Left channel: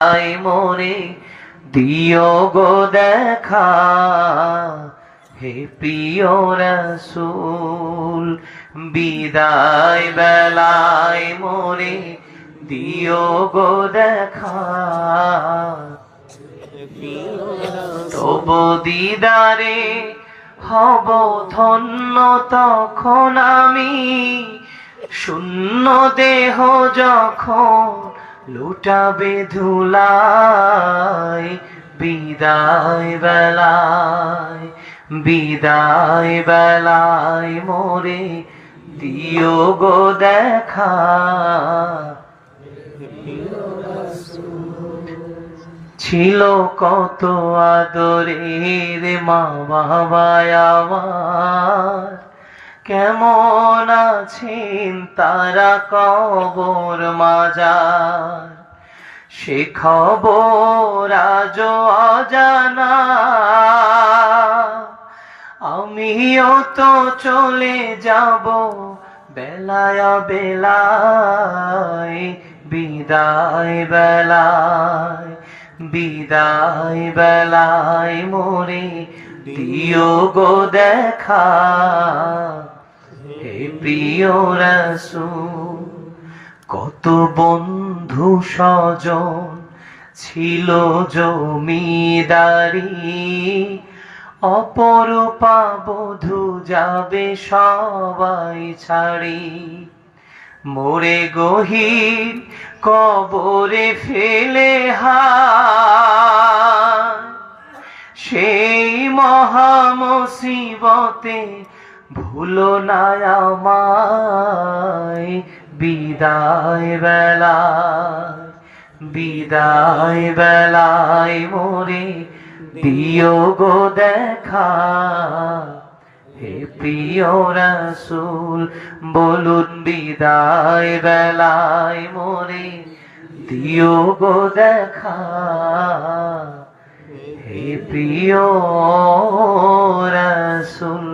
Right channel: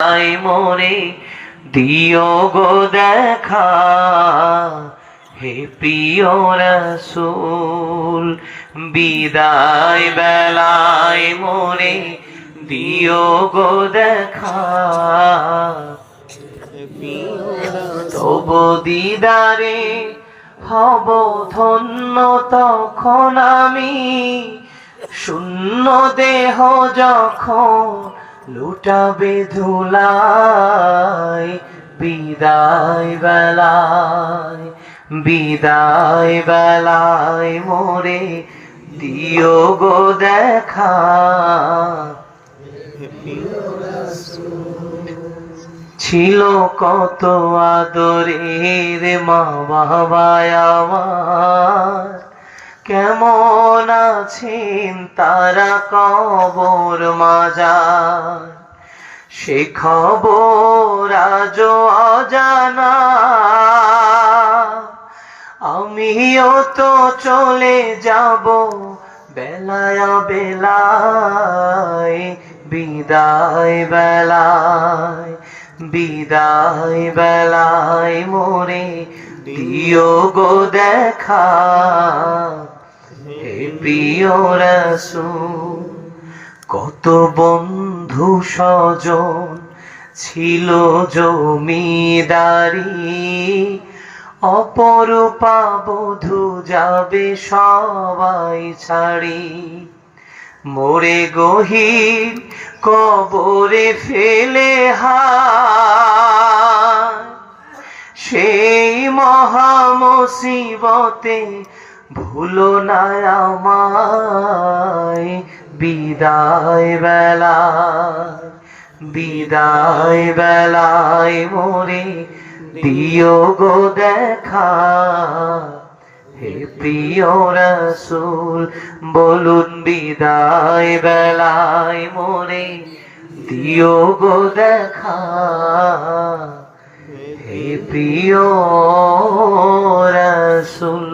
I মোরে দিও গো দেখা, হে প্রিয় রাসূল। বিদায় বেলায় মোরে দিও গো দেখা, তবু দিদারে হব ধন্য তখন আমি, শূন্য দেহ যখন লুটাবে ধুলায়। বিদায় বেলায়, বিদায় বেলায় মোরে দিও গো দেখা। ছিল কত আদরের মা বাবায় আমার, কেমন আছেন তারা কবর মাজার। সে খবর আজও অজানা, আমিও তো চলে যাব বেলায় বেলায়। বিদায় বেলায়, বিদায় বেলায় মোরে দিও গো দেখা, হে প্রিয় রাসূল। কত বন্ধু স্বজন ছিল জমিদারি, অপরূপা বধূ যাবে সবাই ছাড়ি। মোরে গহীন কবরে ফেলে হায়, সেই মহা মুসিবতে ভুলো না আমায়। বিদায় বেলায়, বিদায় বেলায় মোরে দিও গো দেখা, হে প্রিয় রাসূল। বলুন বিদায় বেলায় মোরে দিও গো দেখা, হে প্রিয় রাসূল।